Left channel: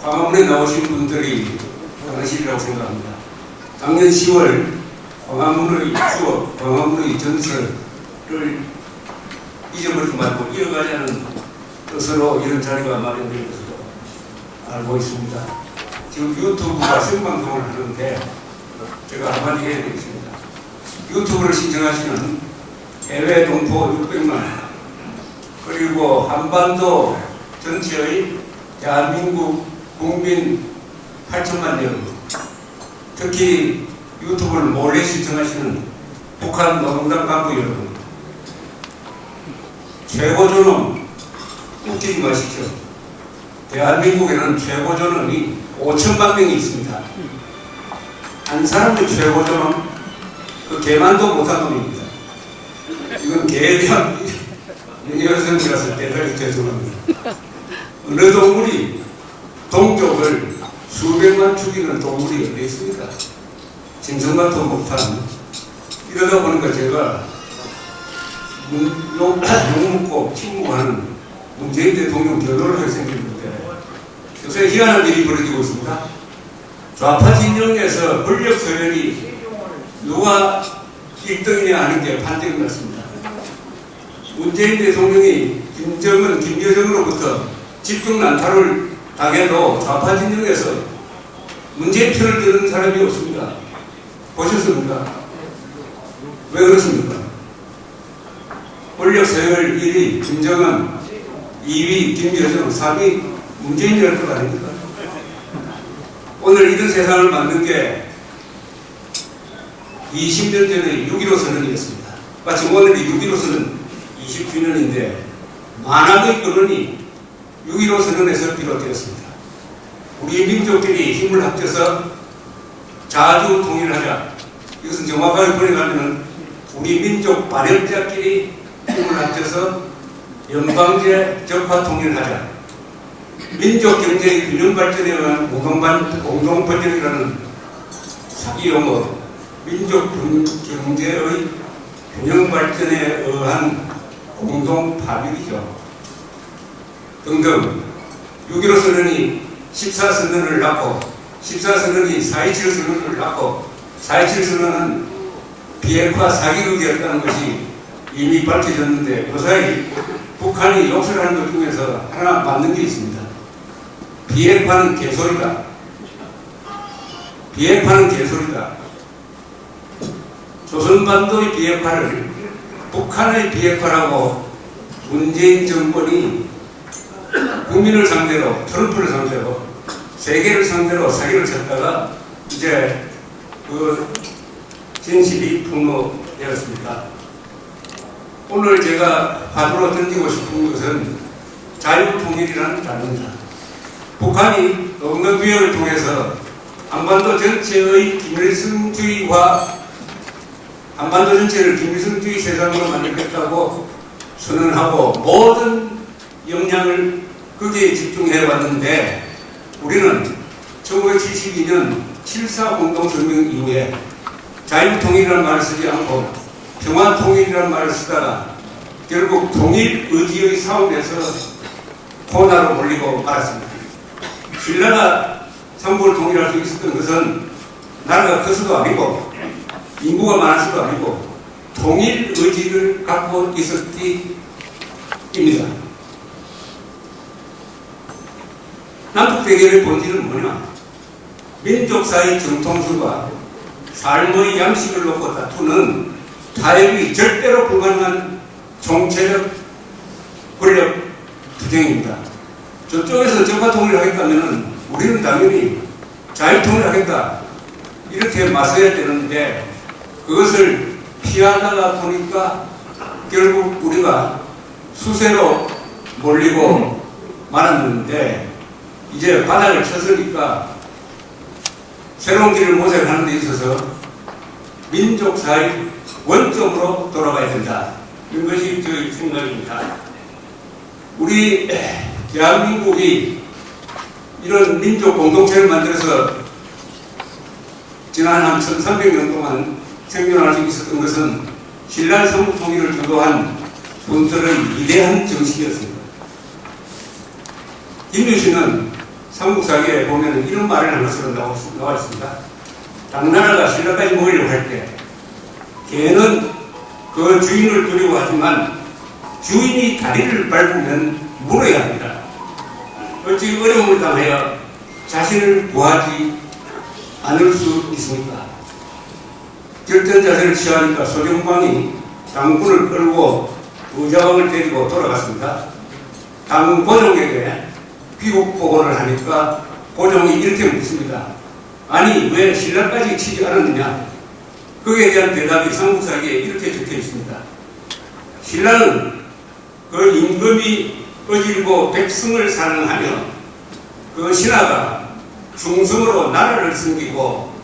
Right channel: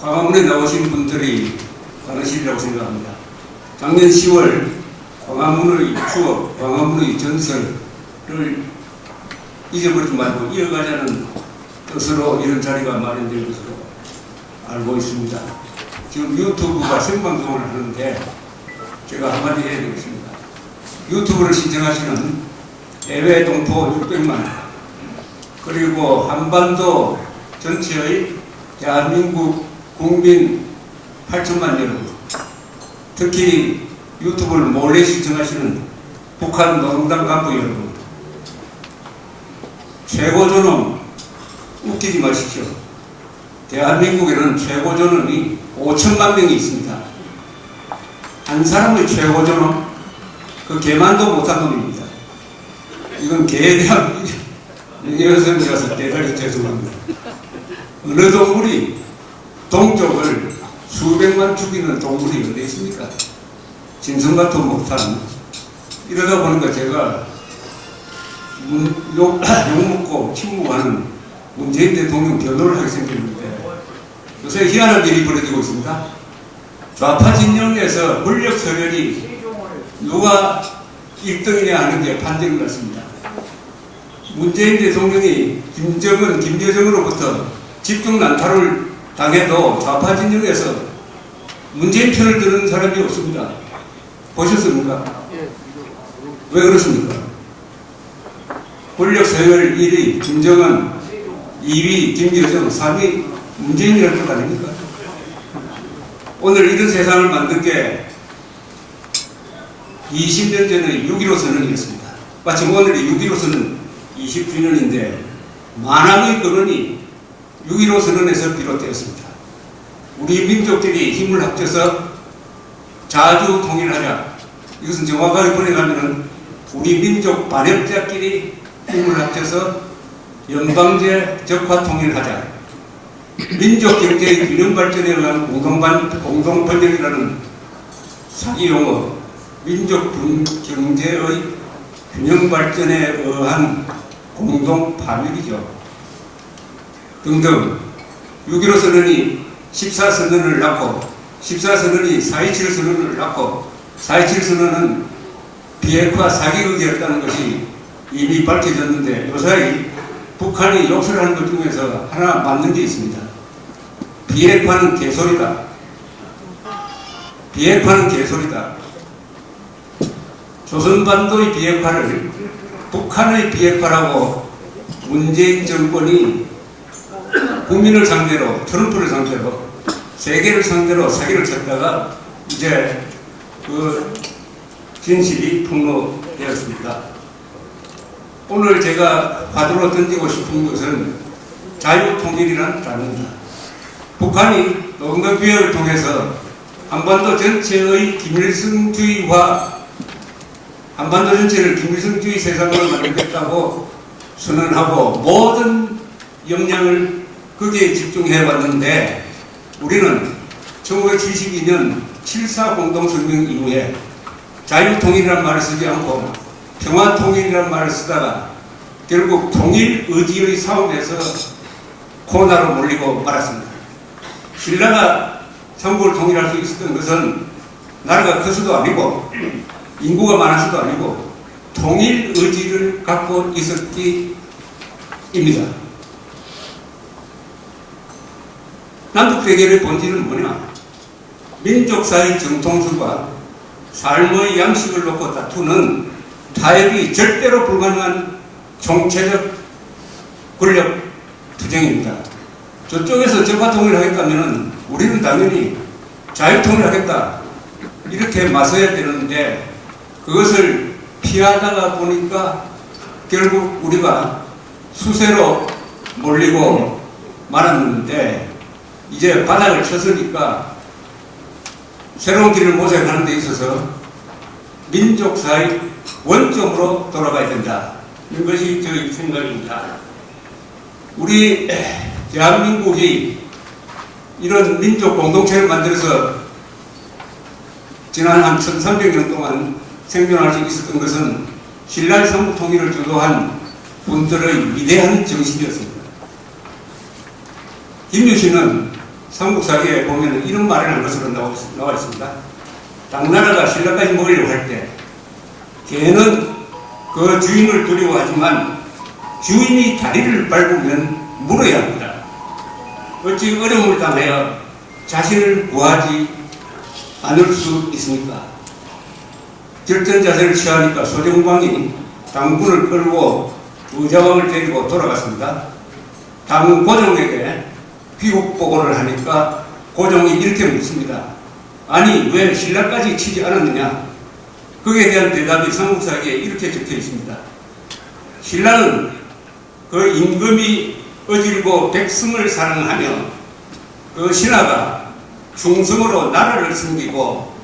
광화문에 나오신 분들이 많으시리라고 생각합니다. 작년 10월 광화문의 추억, 광화문의 전설을 잊어버리지 말고 이어가자는 뜻으로 이런 자리가 마련된 것으로 알고 있습니다. 지금 유튜브가 생방송을 하는데 제가 한마디 해야 되겠습니다. 유튜브를 신청하시는 해외 동포 600만 그리고 한반도 전체의 대한민국 국민 8천만 여러분, 특히 유튜브를 몰래 신청하시는 북한 노동당 간부 여러분, 최고존엄 웃기지 마십시오. 대한민국에는 최고존엄이 5천만 명이 있습니다. 한 사람의 최고존엄, 그 개만도 못한 놈입니다. 이건 개에 대한 여성이라서 대단히 죄송합니다. 어느 동물이 동족을 수백만 죽이는 동물이 어디 있습니까? 짐승과도 못한. 이러다 보니까 제가 욕먹고 침묵하는 문재인 대통령 변호를 하게 생겼는데 요새 희한한 일이 벌어지고 있습니다. 좌파 진영에서 권력 서열이 누가 1등이냐 하는 게 판정이 났습니다. 문재인 대통령이 김정은, 김여정으로부터 집중 난타를 당해도 좌파 진영에서 문재인 편을 드는 사람이 없습니다. 보셨습니까? 왜 그렇습니까? 권력 서열 1위 김정은, 2위 김여정, 3위 문재인이라는 것 아닙니까? 오늘 이런 세상을 만든 게 20년 전에 6.15 선언이었습니다. 마침 오늘이 6.15 선언 20주년인데 만왕의 근원이 6.15 선언에서 비롯되었습니다. 우리 민족들이 힘을 합쳐서 자주 통일하자. 이것은 정확하게 번역하면 우리 민족 발열자끼리 힘을 합쳐서 연방제 적화 통일하자. 민족 경제의 균형 발전에 의한 공동 번영이라는 사기 용어, 민족 경제의 균형 발전에 의한 공동 파멸이죠. 등등 6.15 선언이 14선언을 낳고 14선언이 4.27 선언을 낳고 4.27 선언은 비핵화 사기극이었다는 것이 이미 밝혀졌는데 요사이 북한이 욕설하는 것 중에서 하나 맞는 게 있습니다. 비핵화는 개소리다. 비핵화는 개소리다. 조선반도의 비핵화를 북한의 비핵화라고 문재인 정권이 국민을 상대로, 트럼프를 상대로, 세계를 상대로 사기를 쳤다가 이제 그 진실이 폭로되었습니다. 오늘 제가 화두로 던지고 싶은 것은 자유통일이라는 단어입니다. 북한이 노동개혁을 통해서 한반도 전체의 김일성주의와 한반도 전체를 김일성주의 세상으로 만들겠다고 선언하고 모든 역량을 거기에 집중해 왔는데 우리는 1972년 7.4 공동성명 이후에 자유통일이라는 말을 쓰지 않고 평화통일이라는 말을 쓰다가 결국 통일의지의 싸움에서 코나로 몰리고 말았습니다. 신라가 삼국을 통일할 수 있었던 것은 나라가 커서도 아니고 인구가 많아서도 아니고 통일의지를 갖고 있었기입니다. 남북대결의 본질은 뭐냐? 민족사의 정통성과 삶의 양식을 놓고 다투는 타협이 절대로 불가능한 총체적 권력 투쟁입니다. 저쪽에서 적화통일을 하겠다면 우리는 당연히 자유통일을 하겠다 이렇게 맞서야 되는데 그것을 피하다가 보니까 결국 우리가 수세로 몰리고 말았는데 이제 바닥을 쳤으니까 새로운 길을 모색하는 데 있어서 민족사의 원점으로 돌아가야 된다. 이런 것이 저희 생각입니다. 우리 대한민국이 이런 민족 공동체를 만들어서 지난 한 1300년 동안 생존할 수 있었던 것은 신라 삼국통일을 주도한 분들의 위대한 정신이었습니다. 김유신은 삼국사기에 보면 이런 말을 한 것으로 나와 있습니다. 당나라가 신라까지 먹으려고 할 때 개는 그 주인을 두려워하지만 주인이 다리를 밟으면 물어야 합니다. 어찌 어려움을 당하여 자신을 구하지 않을 수 있습니까? 결전 자세를 취하니까 소정방이 당군을 끌고 의자왕을 데리고 돌아갔습니다. 당 고종에게 귀국 보고를 하니까 고종이 이렇게 묻습니다. 아니 왜 신라까지 치지 않았느냐? 거기에 대한 대답이 삼국사기에 이렇게 적혀 있습니다. 신라는 그 임금이 어지르고 백성을 사랑하며 그 신하가 충성으로 나라를 섬기고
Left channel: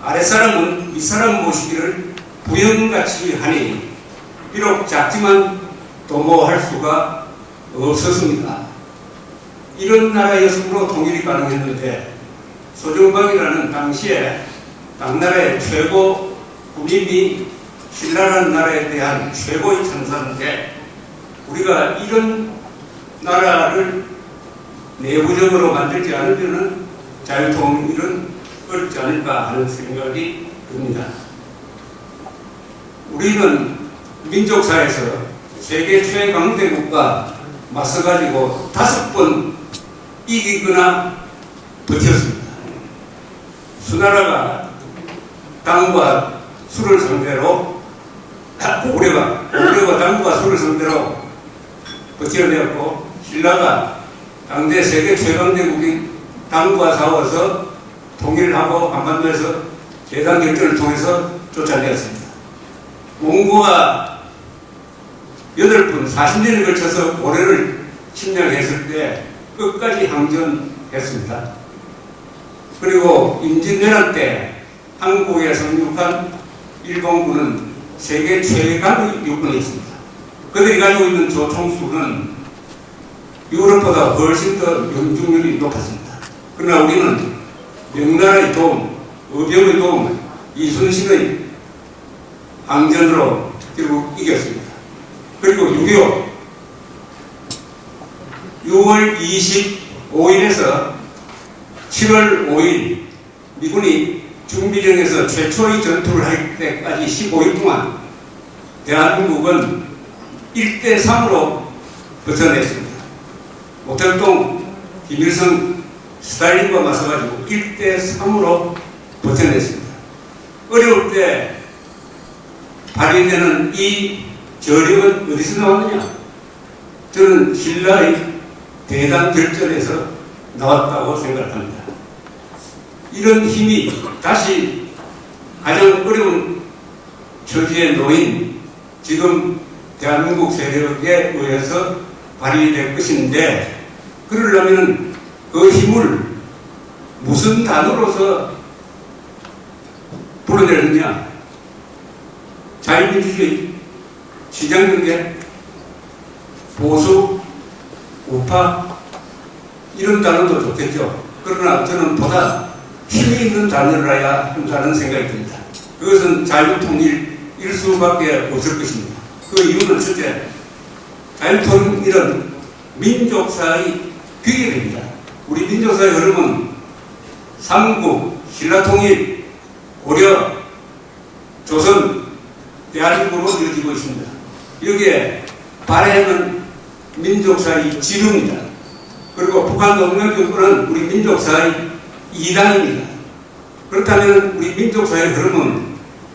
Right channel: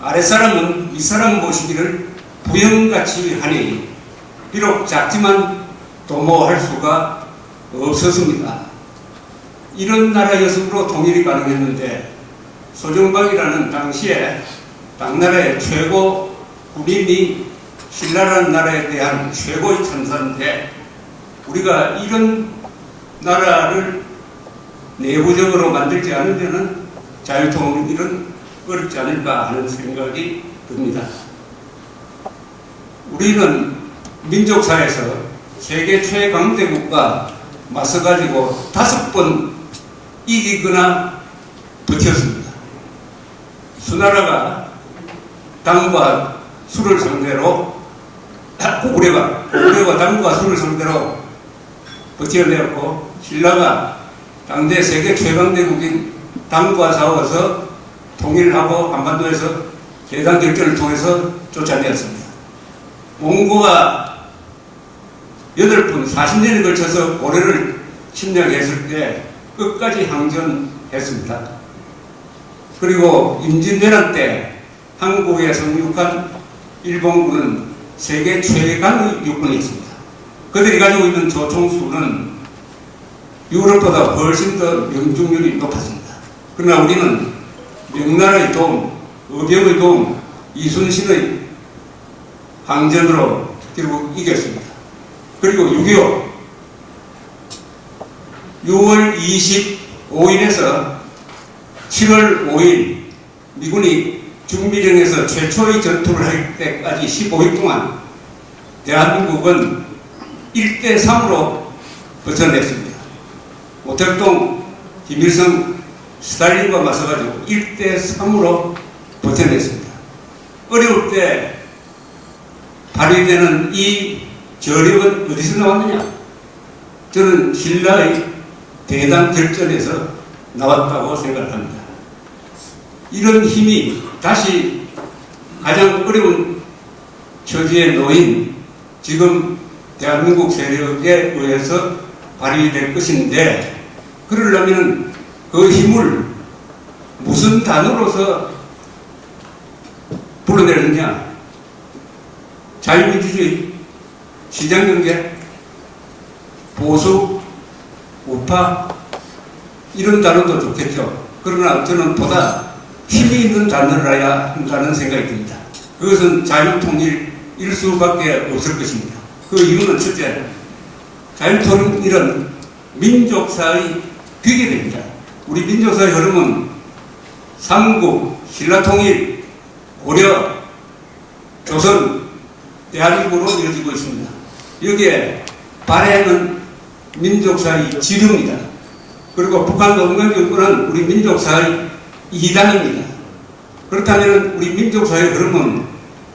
아랫사람은 윗사람 모시기를 부영같이 하니 비록 작지만 도모할 수가 없었습니다. 이런 나라였으므로 통일이 가능했는데 소정방이라는 당시에 당나라의 최고 군인이 신라라는 나라에 대한 최고의 천사인데 우리가 이런 나라를 내부적으로 만들지 않으면 자유통일은 어렵지 않을까 하는 생각이 듭니다. 우리는 민족사에서 세계 최강대국과 맞서가지고 5번 이기거나 버텼습니다. 수나라가 당과 수를 상대로 고구려가 당과 수를 상대로 버텨내었고 신라가 당대 세계 최강대국인 당과 싸워서 통일을 하고 한반도에서 대당 결전을 통해서 쫓아내었습니다. 몽고가 8번 40년에 걸쳐서 고려를 침략했을 때 끝까지 항전했습니다. 그리고 임진왜란 때 한국에 상륙한 일본군은 세계 최강의 육군이었습니다. 그들이 가지고 있는 조총수는 유럽보다 훨씬 더 명중률이 높았습니다. 그러나 우리는 명나라의 도움, 의병의 도움, 이순신의 항전으로 결국 이겼습니다. 그리고 6월 25일에서 7월 5일 미군이 중비령에서 최초의 전투를 할 때까지 15일 동안 대한민국은 1대3으로 버텨냈습니다. 모택동, 김일성, 스탈린과 맞서가지고 1대3으로 버텨냈습니다. 어려울 때 발휘되는 이 저력은 어디서 나왔느냐? 저는 신라의 대당 결전에서 나왔다고 생각합니다. 이런 힘이 다시 가장 어려운 처지에 놓인 지금 대한민국 세력에 의해서 발휘될 것인데 그러려면 그 힘을 무슨 단어로서 불러내느냐? 자유민주주의, 시장경제, 보수, 우파 이런 단어도 좋겠죠. 그러나 저는 보다 힘이 있는 단어를 해야 한다는 생각이 듭니다. 그것은 자유통일일 수밖에 없을 것입니다. 그 이유는 첫째, 자유통일은 민족사의 귀결입니다. 우리 민족사의 흐름은 삼국, 신라통일, 고려, 조선, 대한민국으로 이어지고 있습니다. 여기에 발해는 민족사의 지도입니다. 그리고 북한 농명정권은 우리 민족사의 이단입니다. 그렇다면 우리 민족사의 흐름은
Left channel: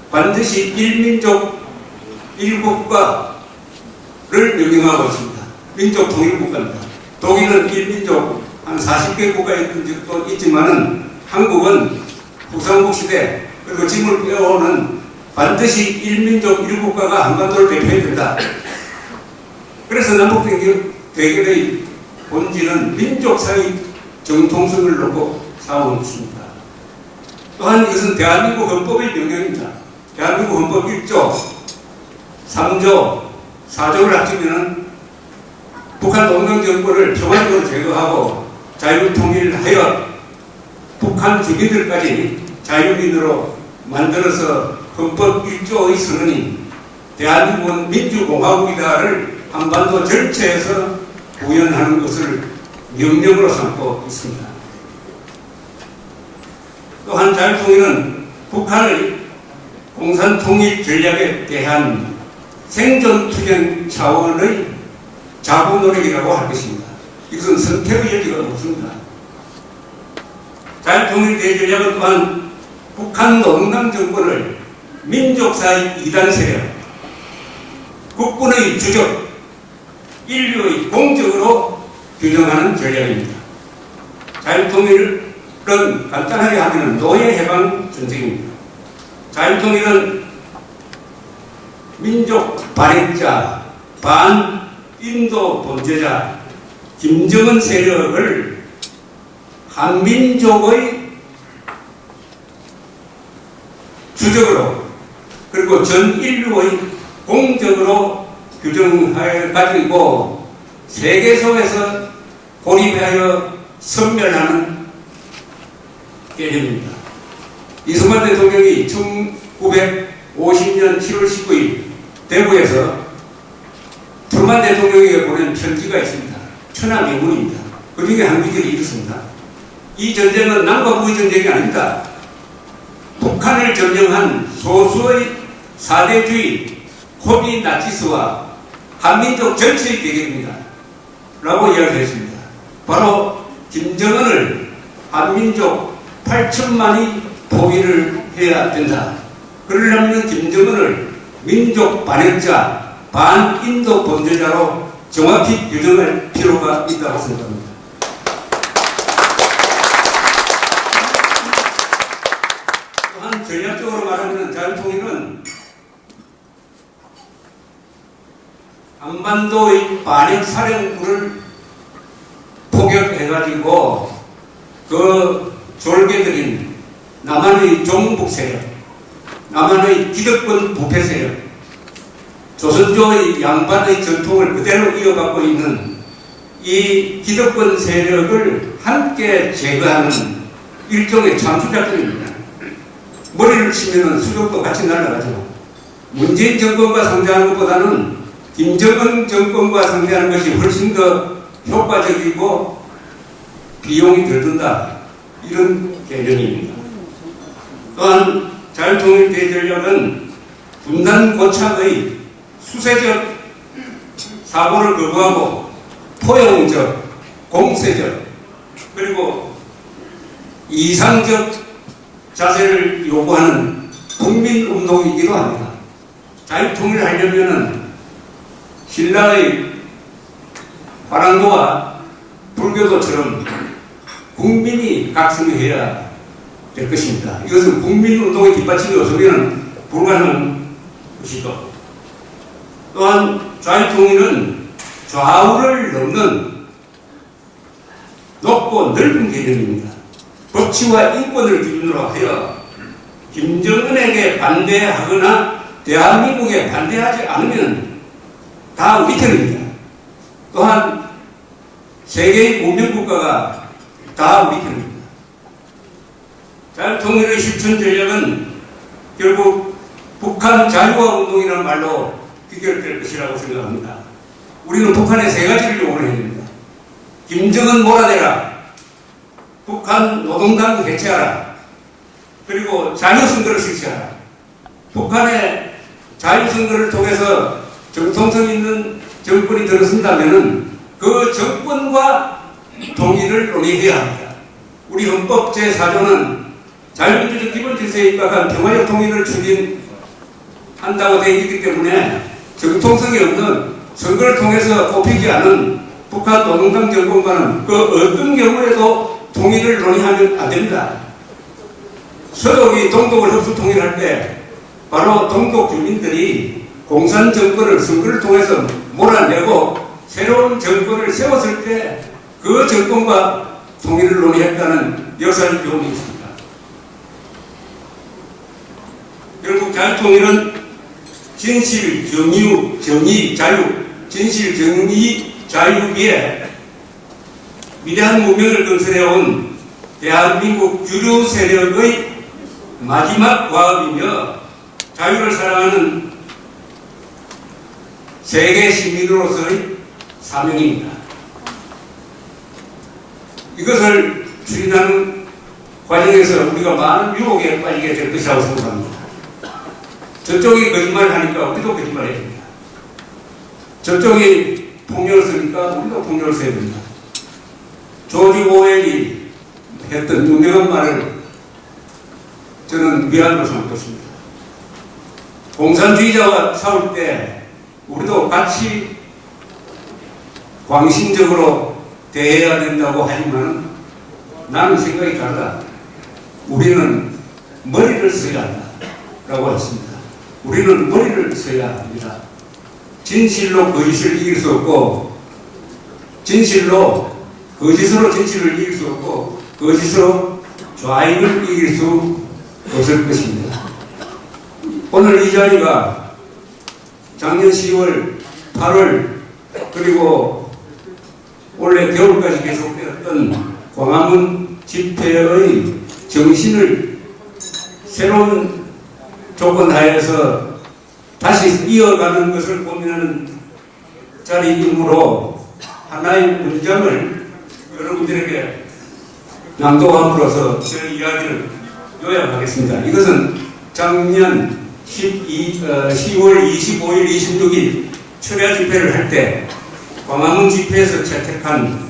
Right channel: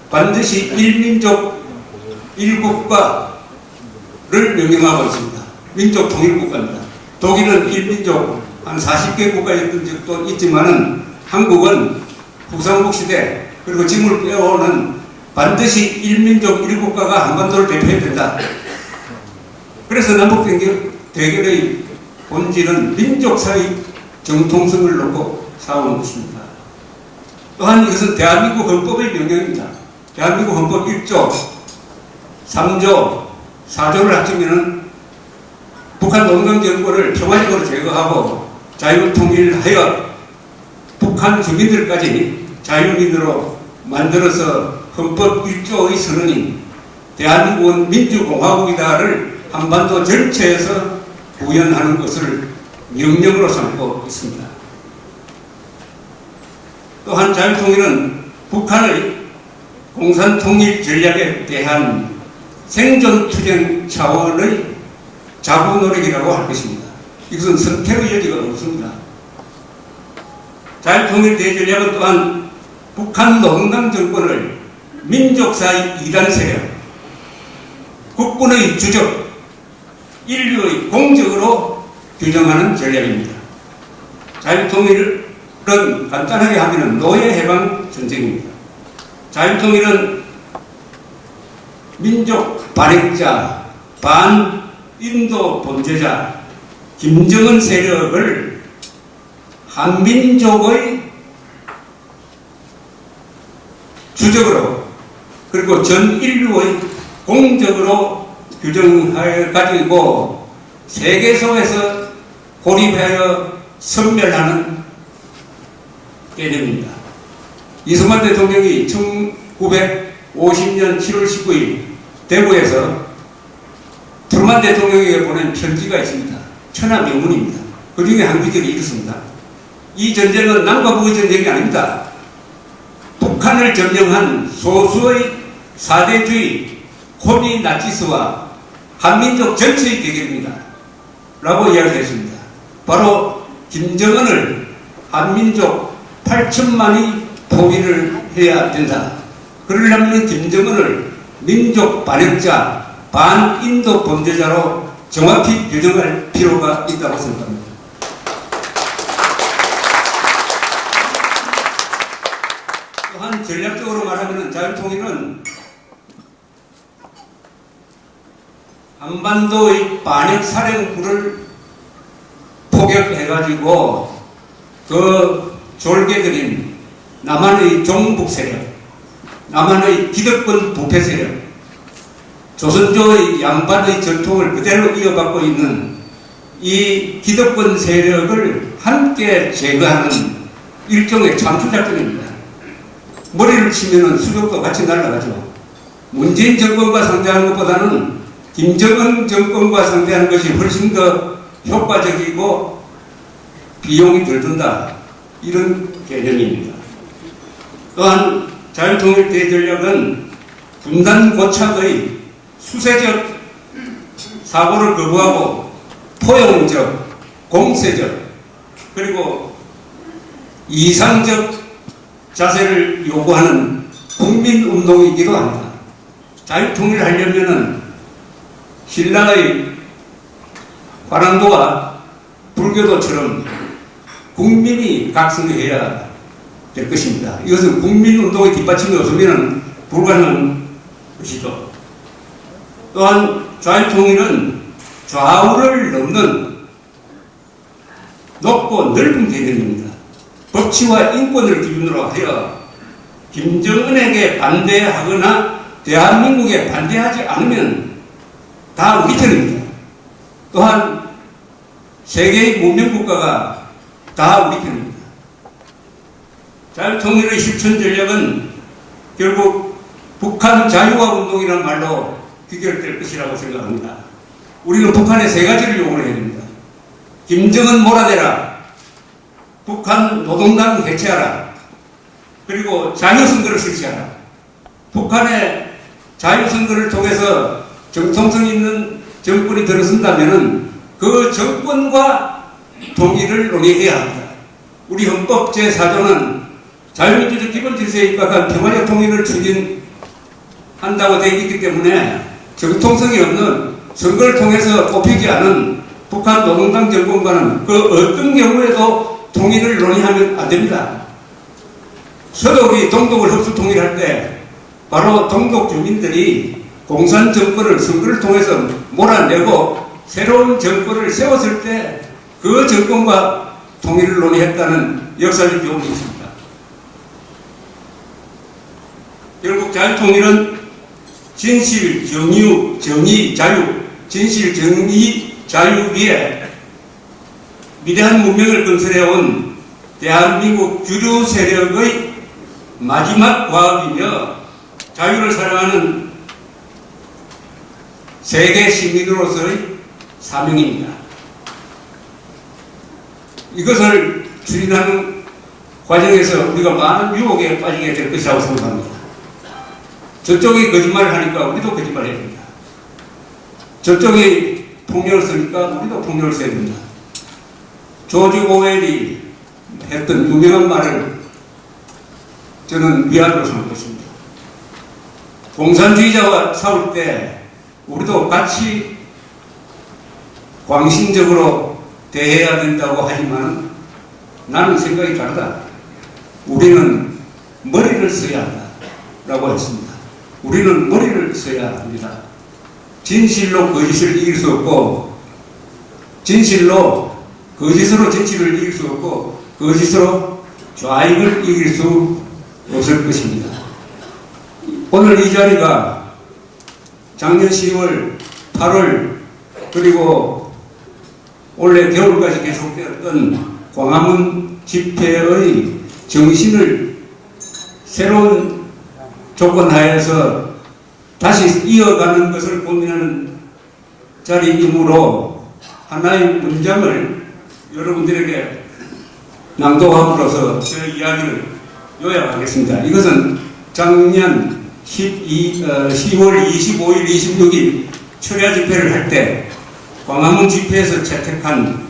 반드시 일민족 일국가를 명령하고 있습니다. 민족통일국가입니다. 독일은 일민족 한 40개 국가였던 적도 있지만은 한국은 후삼국 시대 그리고 지금을 빼오는 반드시 일민족 일국가가 한반도를 대표해야 된다. 그래서 남북 대결의 본질은 민족사의 정통성을 놓고 싸우는 것입니다. 또한 이것은 대한민국 헌법의 명령입니다. 대한민국 헌법 1조, 3조, 4조를 합치면 북한 농경정권을 평화적으로 제거하고 자유통일하여 북한 주민들까지 자유민으로 만들어서 헌법 1조의 선언인 대한민국은 민주공화국이다를 한반도 전체에서 구현하는 것을 명령으로 삼고 있습니다. 또한 자유통일은 북한의 공산통일 전략에 대한 생존투쟁 차원의 자구 노력이라고 할 것입니다. 이것은 선택의 여지가 없습니다. 자유통일 대전략은 또한 북한 노동당 정권을 민족사의 이단 세력, 국군의 주적, 인류의 공적으로 규정하는 전략입니다. 자유통일은 간단하게 하면 노예해방 전쟁입니다. 자유통일은 민족 발행자, 반인도 범죄자 김정은 세력을 한민족의 주적으로 그리고 전 인류의 공적으로 규정해 가지고 세계속에서 고립하여 섬멸하는 개념입니다. 이승만 대통령이 1950년 7월 19일 대구에서 트루만 대통령에게 보낸 편지가 있습니다. 천하명문입니다. 그 중에 한 구절이 이렇습니다. 이 전쟁은 남과 북의 전쟁이 아닙니다. 북한을 점령한 소수의 사대주의 호비 나치스와 한민족 전체의 대결입니다. 라고 이야기했습니다. 바로 김정은을 한민족 8천만이 포기를 해야 된다. 그러려면 김정은을 민족 반역자, 반인도 범죄자로 정확히 규정할 필요가 있다고 생각합니다. 또한 전략적으로 말하면 자유통일은 한반도의 반역사령부를 포격해가지고 그 졸개들인 남한의 종북 세력, 남한의 기득권 부패 세력, 조선조의 양반의 전통을 그대로 이어받고 있는 이 기득권 세력을 함께 제거하는 일종의 참수작전입니다. 머리를 치면은 수족도 같이 날아가죠. 문재인 정권과 상대하는 것보다는 김정은 정권과 상대하는 것이 훨씬 더 효과적이고 비용이 덜 든다. 이런 개념입니다. 또한 자유통일 대전략은 분단 고착의 수세적 사고를 거부하고 포용적, 공세적, 그리고 이상적 자세를 요구하는 국민운동이기도 합니다. 자유통일을 하려면은 신라의 화랑도와 불교도처럼 국민이 각성해야 될 것입니다. 이것은 국민운동의 뒷받침이 없으면 불가능한 것이죠. 또한 자유통일은 좌우를 넘는 높고 넓은 개념입니다. 법치와 인권을 기준으로 하여 김정은에게 반대하거나 대한민국에 반대하지 않으면 다 우리 편입니다. 또한 세계의 문명국가가 다 우리 편입니다. 자유통일의 실천 전략은 결국 북한 자유화 운동이라는 말로 귀결될 것이라고 생각합니다. 우리는 북한에 세 가지를 요구를 해야 됩니다. 김정은 몰아내라, 북한 노동당 해체하라, 그리고 자유선거를 실시하라. 북한의 자유선거를 통해서 정통성 있는 정권이 들어선다면 그 정권과 통일을 논의해야 합니다. 우리 헌법 제4조는 자유민주적 기본질서에 입각한 평화적 통일을 추진한다고 되어 있기 때문에 정통성이 없는 선거를 통해서 뽑히지 않은 북한 노동당 정권과는 그 어떤 경우에도 통일을 논의하면 안 됩니다. 서독이 동독을 흡수 통일할 때 바로 동독 주민들이 공산 정권을 선거를 통해서 몰아내고 새로운 정권을 세웠을 때 그 정권과 통일을 논의했다는 역사적 교훈이 있습니다. 결국 자유통일은 진실, 정의, 자유, 진실, 정의, 자유 위에 위대한 문명을 건설해온 대한민국 주류 세력의 마지막 과업이며 자유를 사랑하는 세계 시민으로서의 사명입니다. 이것을 추진하는 과정에서 우리가 많은 유혹에 빠지게 될 것이라고 생각합니다. 저쪽이 거짓말을 하니까 우리도 거짓말을 해야 됩니다. 저쪽이 폭력을 쓰니까 우리도 폭력을 써야 됩니다. 조지 오웰이 했던 유명한 말을 저는 위안으로 삼고 있습니다. 공산주의자와 싸울 때 우리도 같이 광신적으로 대해야 된다고 하지만 나는 생각이 다르다. 우리는 머리를 써야 한다 라고 했습니다. 우리는 머리를 써야 합니다. 진실로 거짓을 이길 수 없고, 진실로 거짓으로 진실을 이길 수 없고, 거짓으로 좌익을 이길 수 없을 것입니다. 오늘 이 자리가 작년 10월, 8월, 그리고 올해 겨울까지 계속되었던 광화문 집회의 정신을 새로운 조건 하에서 다시 이어가는 것을 고민하는 자리이므로 하나의 문장을 여러분들에게 낭독함으로써 제 이야기를 요약하겠습니다. 이것은 작년 10월 25일, 26일 철야 집회를 할 때 광화문 집회에서 채택한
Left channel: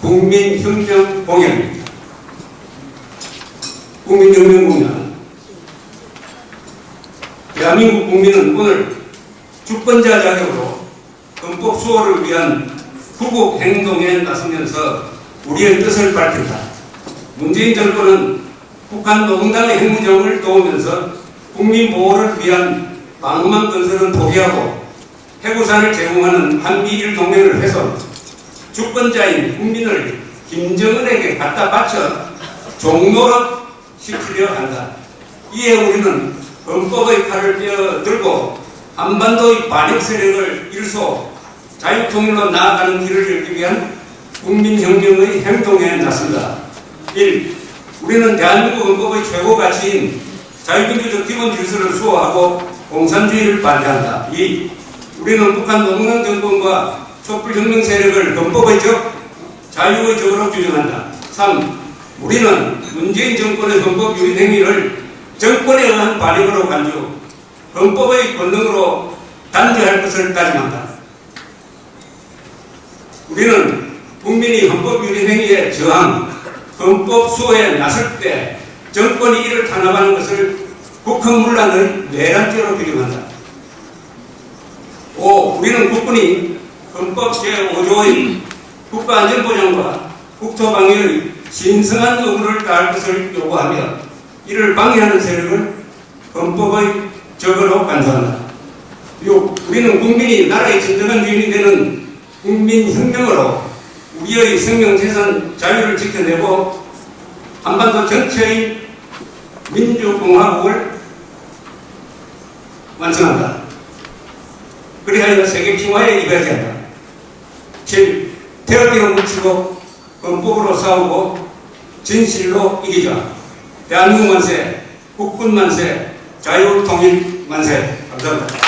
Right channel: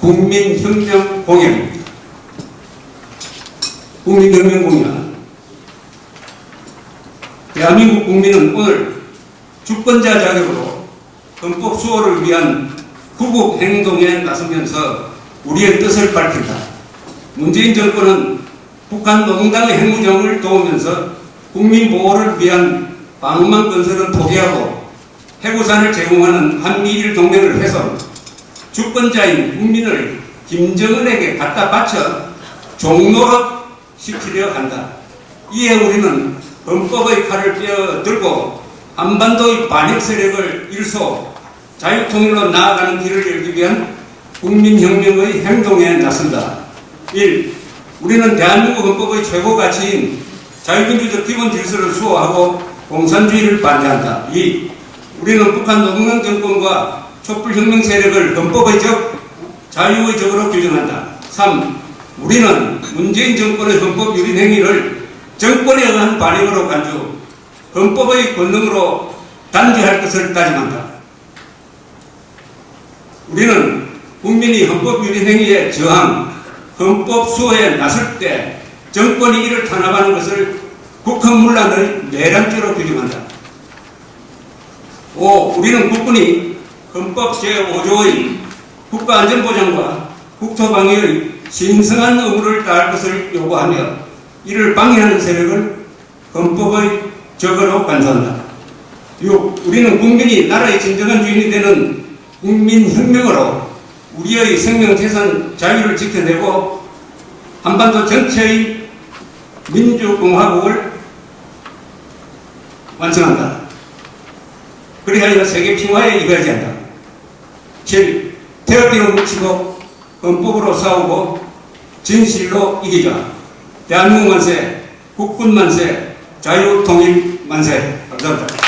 국민혁명 공약입니다. 국민혁명 공약. 대한민국 국민은 오늘 주권자 자격으로 헌법 수호를 위한 구국 행동에 나서면서 우리의 뜻을 밝힌다. 문재인 정권은 북한 노동당의 핵무장을 도우면서 국민 보호를 위한 방어망 건설은 포기하고 해구산을 제공하는 한미일 동맹을 해서 주권자인 국민을 김정은에게 갖다 바쳐 종노릇 시키려 한다. 이에 우리는 헌법의 칼을 빼어들고 한반도의 반역 세력을 일소 자유통일로 나아가는 길을 열기 위한 국민혁명의 행동에 나선다. 1. 우리는 대한민국 헌법의 최고 가치인 자유민주적 기본 질서를 수호하고 공산주의를 반대한다. 2. 우리는 북한 노동당 정권과 촛불혁명 세력을 헌법의 적, 자유의 적으로 규정한다. 3. 우리는 문재인 정권의 헌법 유린 행위를 정권에 의한 반역으로 간주, 헌법의 권능으로 단죄할 것을 다짐한다. 우리는 국민이 헌법 유린 행위에 저항, 헌법 수호에 나설 때 정권이 이를 탄압하는 것을 국헌문란의 내란죄로 규정한다. 5. 우리는 국군이 헌법 제5조의 국가안전보장과 국토방위의 신성한 의무를 다할 것을 요구하며 이를 방해하는 세력을 헌법의 적으로 간주한다. 6. 우리는 국민이 나라의 진정한 주인이 되는 국민혁명으로 우리의 생명재산 자유를 지켜내고 한반도 전체의 민주공화국을 완성한다. 그리하여 세계 평화에 이바지 한다. 7. 태극기로 뭉치고 헌법으로 싸우고 진실로 이기자. 대한민국 만세, 국군 만세, 자유통일 만세. 감사합니다.